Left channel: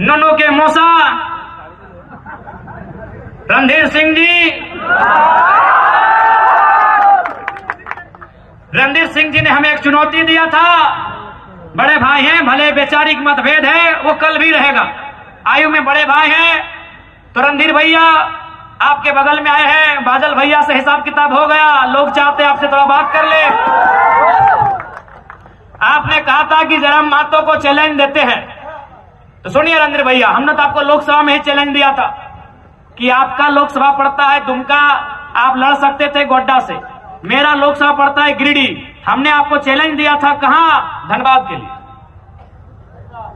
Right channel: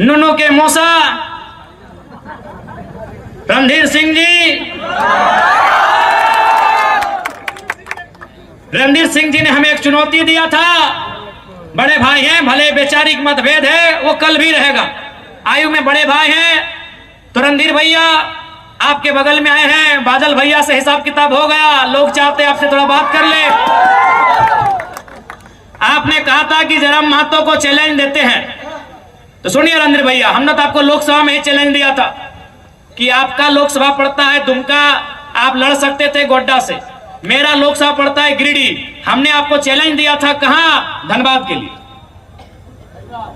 नुनू के मूसा रणधीर सिंह जी, रणधीर सिंह जी ने हमें एक चुनौती दिया था। बड़े भाई हैं, भले वैचारिक मतभेद है वो कल भी रहेगा, आयु में बड़े भाई हैं। तो रणधीर भैया आपके बगल में आए हैं, बादल भैया से हिसाब किताब हो गया, लोग चाहते हैं आपसे थोड़ा बात कर ले। आपने कहा था कि जयराम महतो को चैलेंज देते हैं, तो सुनिए रणधीर भैया, हमने तो आपको लोकसभा में ही चैलेंज दिया था कि आपका लोकसभा पड़ता है दुमका, आप लड़ सकते थे गोड्डा से, मेरा लोकसभा पड़ता है गिरिडीह। हमने आपको चैलेंज दिया था, कहां? धनबाद के लिए।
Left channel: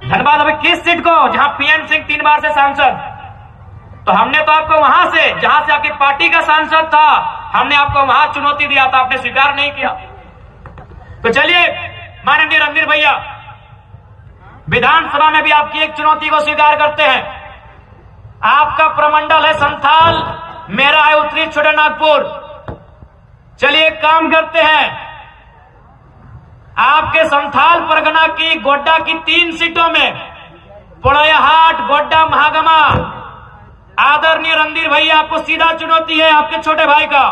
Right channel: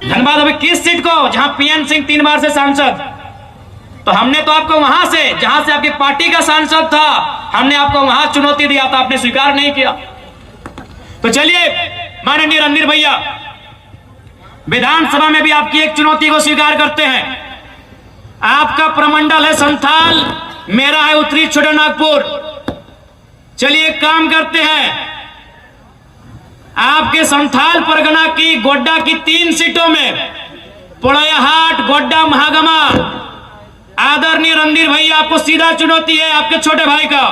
धनबाद अभी किस सीट को? जहां पीएन सिंह 3 बार से सांसद, तो हमने तो आपको वहां से, जहां से आपकी पार्टी का सांसद था, हमने आपको वहां चुनौती दिया था, आपने स्वीकार नहीं किया। तो चलिए माननीय रणधीर भैया, विधानसभा में भी आपकी एक चुनौती को स्वीकार करते हैं। आपका प्रमंडल है संथाल, मेरा है उत्तरी छोटानागपुर। चलिए एक काम करते हैं, आपके संथाल परगना की गोड्डा की 3 सीटों में पोड़ैयाहाट, गोड्डा, महागमा, आदरणीय रणधीर भैया आपको सीधा चुनौती है, आपके छोटे भाई का।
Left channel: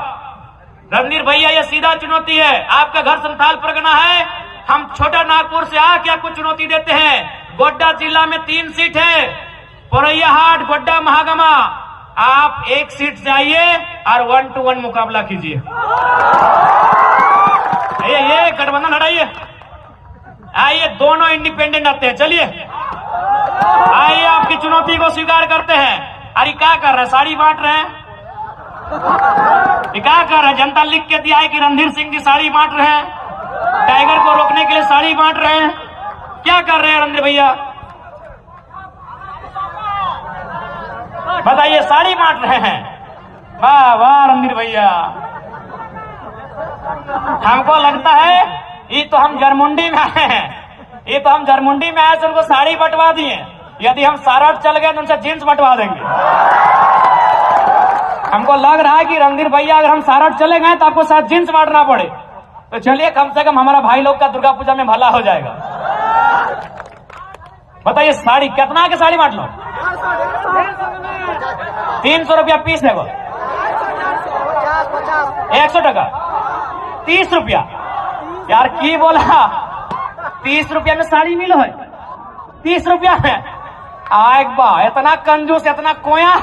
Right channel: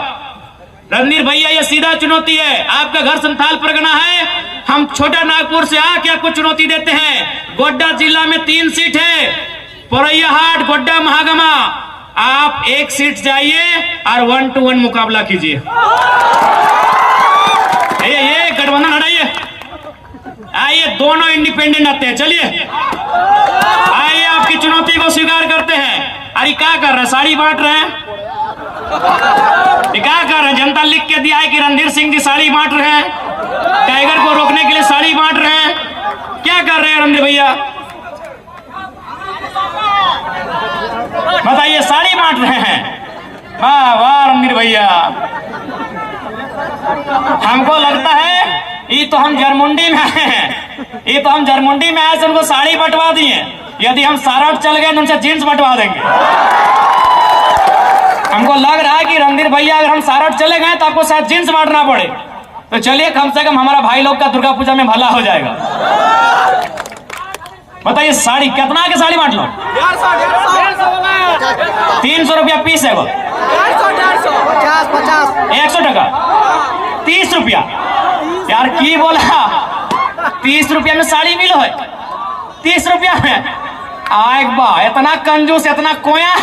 रणधीर भैया ये सीधा चुनौती है, आपका घर संथाल परगना है, हम छोटा नागपुर से आके आपको चुनौती देते हैं। गोड्डा जिला में 3 सीट है, पोड़ैयाहाट, गोड्डा, महागमा, आप 1 सीट जाइए और 1 to 1 मुकाबला कीजिए। ये गठबंधन हटाइए, आइए दोनों इंडिपेंडेंट आते हैं। चलिए आइए आपकी चुनौती को स्वीकार करते हैं। अरे क्या कर रहे हैं, साड़ी बांट रहे हैं? क्या कर रहे हैं? जनता लिख के दिया है कि रणधीर सिंह जी साड़ी बांट रहे हैं, टाइगर को रोकने के लिए साड़ी बांट रहे हैं। क्या कर रहे हैं रणधीर भैया, बताइए? साड़ी बांट रहे हैं। वाह वाह रणधीर भैया, हमको लगता है ये तो हम जरमुंडी में आए हैं, ये तो हम जरमुंडी में आए से उनको साड़ी बंटवा दिए। यदि हम सारठ चल गए तो उनसे जींस बंटवा देंगे। हमको लग रहा है कि रणधीर भैया अगर हम सारठ चले गए तो आपको शायद जींस बांटना पड़े। तो चलिए कम से कम हमारा भाई लोग का दुर्गा पूजा में भला हो जाएगा। बताइए साड़ी कितना के साड़ी बांट लो? 300 रुपया पीस है वो, 100 टका, 30 रुपया यार की बोला? 30 रुपया में साड़ी मिलो है, 30 रुपया में? आए बा, इतना कंजूस, इतना कोया,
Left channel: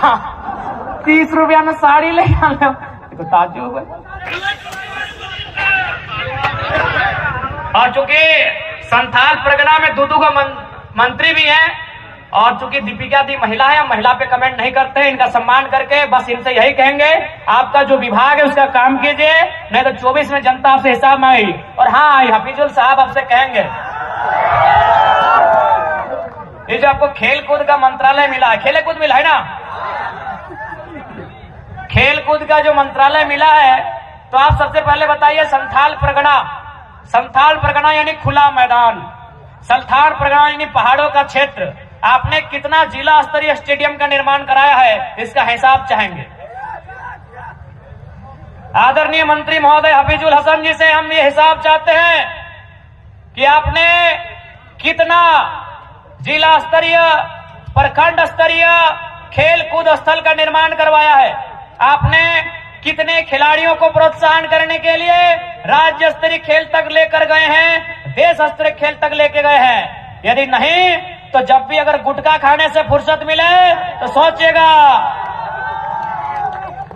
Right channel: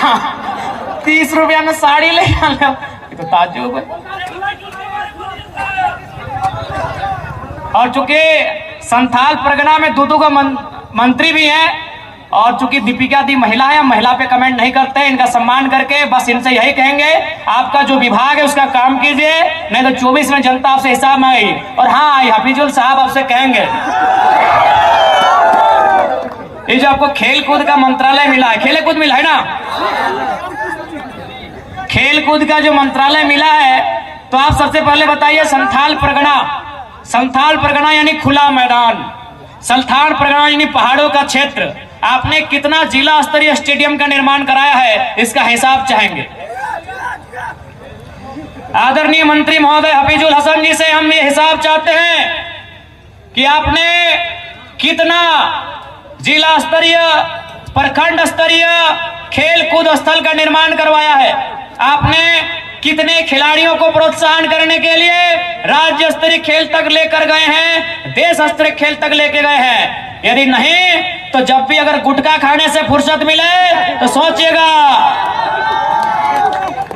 30 रुपया में साड़ी ले लो, तो ताज्जुब है। और चूंकि संथाल परगना में दो का मंत्री भी है, और चूंकि दीपिका दी महिला है, महिला पे कमेंट नहीं करते हैं, इनका सम्मान करके बस इनसे यही कहेंगे, आपका जो विभाग है उसका काम कीजिए, नहीं तो 24 में जनता आपसे हिसाब मांगी। और हाँ, हफीजुल साहब आपसे कहेंगे, ये जो आपको खेल कूद का मंत्रालय मिला है, खेल कूद मिला है ना, खेल कूद का जो मंत्रालय मिला है, तो आप सबसे पहले बताइए संथाल परगना यानी खुला मैदान, संथाल परगना यानी पहाड़ों का क्षेत्र, आपने कितना जिला स्तरीय स्टेडियम का निर्माण कराया है, इसका हिसाब चाहेंगे। आदरणीय मंत्री महोदय हफीजुल हसन जी से हम ये हिसाब चाहते हैं कि आपने कितना जिला स्तरीय, प्रखंड स्तरीय खेल कूद स्थल का निर्माण करवाया है, आपने कितने खिलाड़ियों को प्रोत्साहन करने के लिए राज्य स्तरीय खेल तक लेकर गए हैं, देश स्तरीय खेल तक लेके गए हैं। यदि नहीं तो जब भी अगर गुटखा खाने से फुर्सत मिले तो सोचिएगा,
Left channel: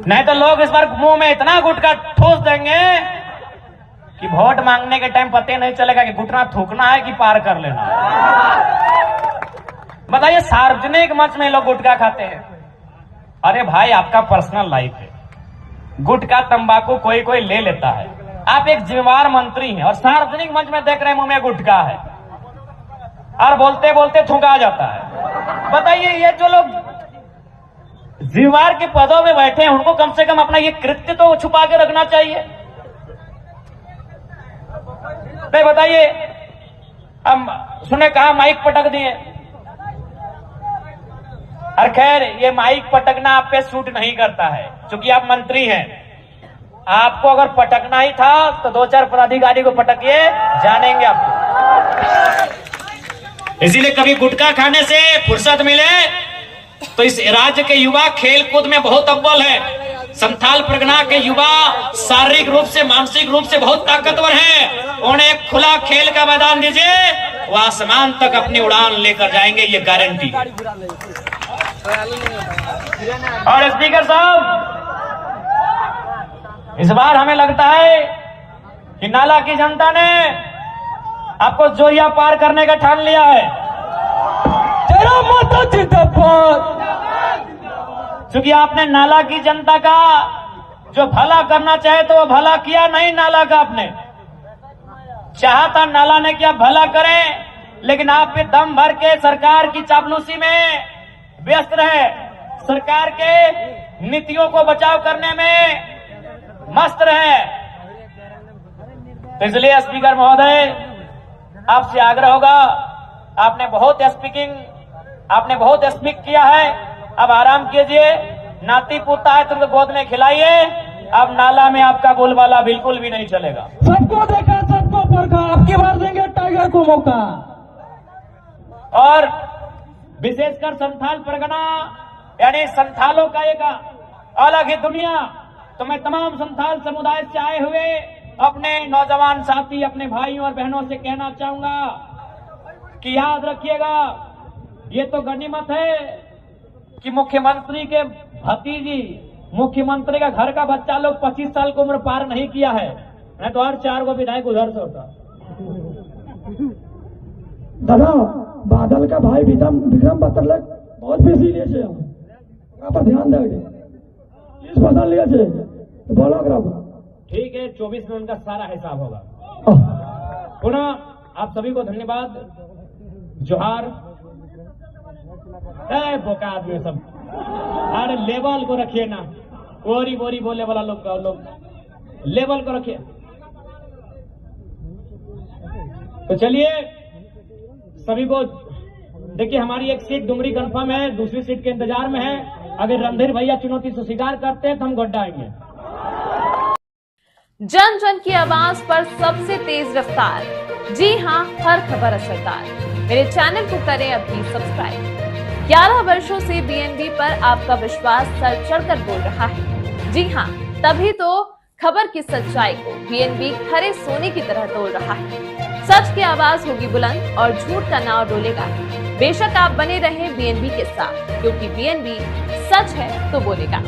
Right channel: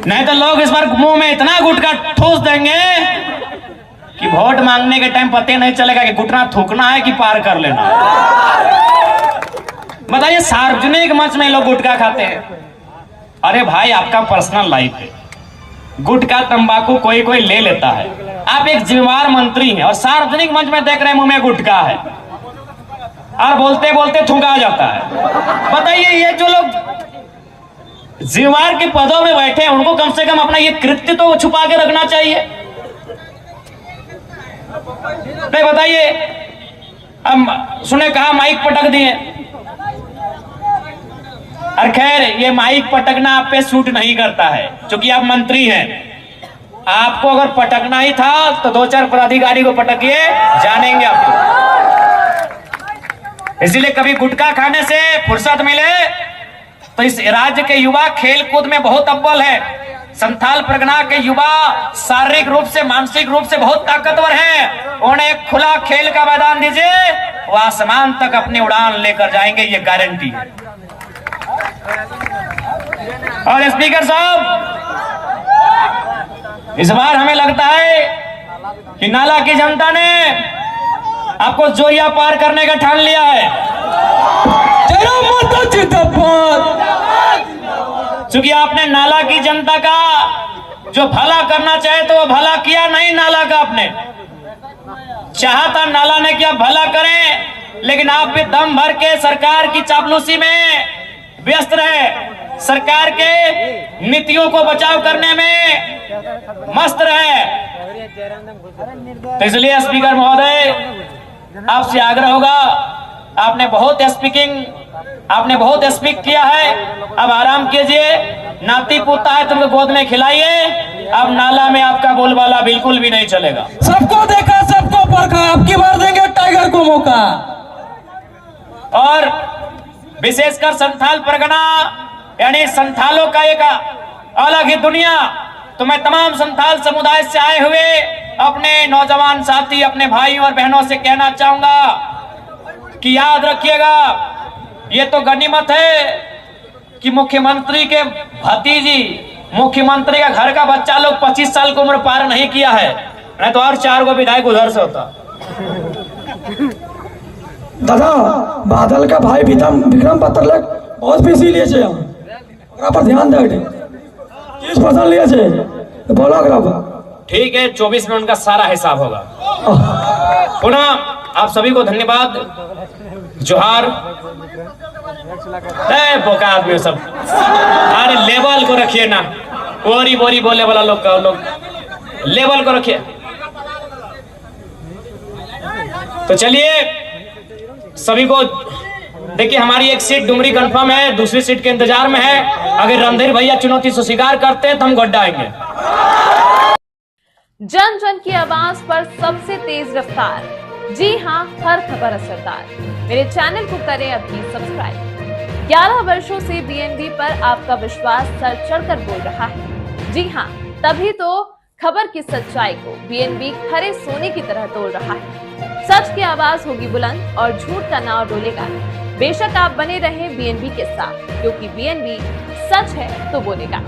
नहीं तो लोग इस बार मुंह में इतना गुटखा ठूस देंगे कि वोट मांगने के टाइम पता नहीं चलेगा कि गुटखा थूकना है कि पार कर लेना। बताइए सार्वजनिक मंच में लोग गुटखा खाते हैं। अरे भाई आपका पर्सनल लाइफ है, गुटखा तंबाकू कोई कोई ले लेता है, आप एक जिम्मेदार मंत्री हैं और सार्वजनिक मंच में देख रहे हैं मुंह में गुटखा है और बोलते बोलते थूका जाता है। बताइए ये जो लोग जिम्मेदार के पदों में बैठे हैं उनको कम से कम अपना ये कृत्य तो छुपा के रखना चाहिए। नहीं बताइए, अब सुने कहा माइक पटक दिए, और खैर ये माइक पटकना आप पे सूट नहीं करता है क्योंकि आप मंत्री हैं। आपको अगर पटकना ही था तो 2-4 पदाधिकारी को पटकिए, जानेंगे आपको। इसीलिए कभी गुटखा खाने से फुर्सत मिले तो इस राज्य के युवा खेल कूद में बहुत अव्वल है। संथाल परगना के युवा शारीरिक रूप से मानसिक रूप से बहुत ताकतवर है। उन्हें एक खुला खेल का मैदान दीजिए, वो आसमान तक अपनी उड़ान लेकर जाएंगे, ये गारंटी है। और स्पीकर साहब, इस बार हमें लगता है कि नाला की जनता ने आपको जोरिया पार करने का ठान लिया है। क्योंकि आपने नाला की जनता का जो भला करना चाहे तो वो भला किया नहीं। नाला का आपने चाहा था, नाला ने क्या भला करे, लेकिन आप भी दम भर के सरकार की चापलूसी में व्यस्त रहे, सरकार के नीतियों को बचाव करने में मस्त रहे। तो इसलिए स्पीकर महोदय, आपसे आग्रह होगा, आपने बहुत स्पीक किया है, अब आराम कीजिए। नाती पोता है तुमको गोद में खिलाइए। अब नाला में आपका बोलबाला बिल्कुल भी नहीं चलेगा। सबको देखा, सबको परखा, अब की बार देंगे टाइगर को मौका। और विशेषकर संथाल परगना यानी संथालों का एक अलग ही दुनिया। तो मैं तमाम संथाल समुदाय से आए हुए अपने नौजवान साथी, अपने भाई और बहनों से कहना चाहूंगा कि याद रखिएगा, ये तो गनीमत है कि मुख्यमंत्री के भतीजी, मुख्यमंत्री का घर का बच्चा लोग 25 साल की उम्र पार नहीं किया है, नहीं तो और 4 गो विधायक उधर से होता। दादा बादल का भाई विक्रम पत्रलेख बहुत बिजी लिए छे, ओकरा पर ध्यान दे किस पसंद लिए छे तो बोलो ओकरा पर। ठीक है, 24 में उनका सारा हिसाब होगा। पुनः आप सभी को धन्यवाद, जोहार। बोका आदमी सब, अरे लेवल को रखिए ना, बोरी बोरी बोले वाला लोग लेवल को रखिए। तो चलिए सभी को देखिए, हमारी एक सीट डुमरी कंफर्म है, दूसरी सीट के इंतजार में है। अगर रणधीर भैया चुनौती से स्वीकार करते हैं तो हम गड्ढा आएंगे। जन जन की आवाज पर सबसे तेज रफ्तार, जी हां, हर खबर असरदार। मेरे चैनल को करें अभी सब्सक्राइब। 11 वर्षों से बीएनबी पर आपका विश्वास सर चढ़कर बोल रहा है। जी हां, तभी तो खबर की सच्चाई को बीएनबी खरे सोने की तरह तोड़ रहा है। सच की आवाज होगी बुलंद और झूठ का नाव डोलेगा। बेशक आप बने रहें बीएनबी के साथ, क्योंकि बीएनबी सच है तो बोलेगा।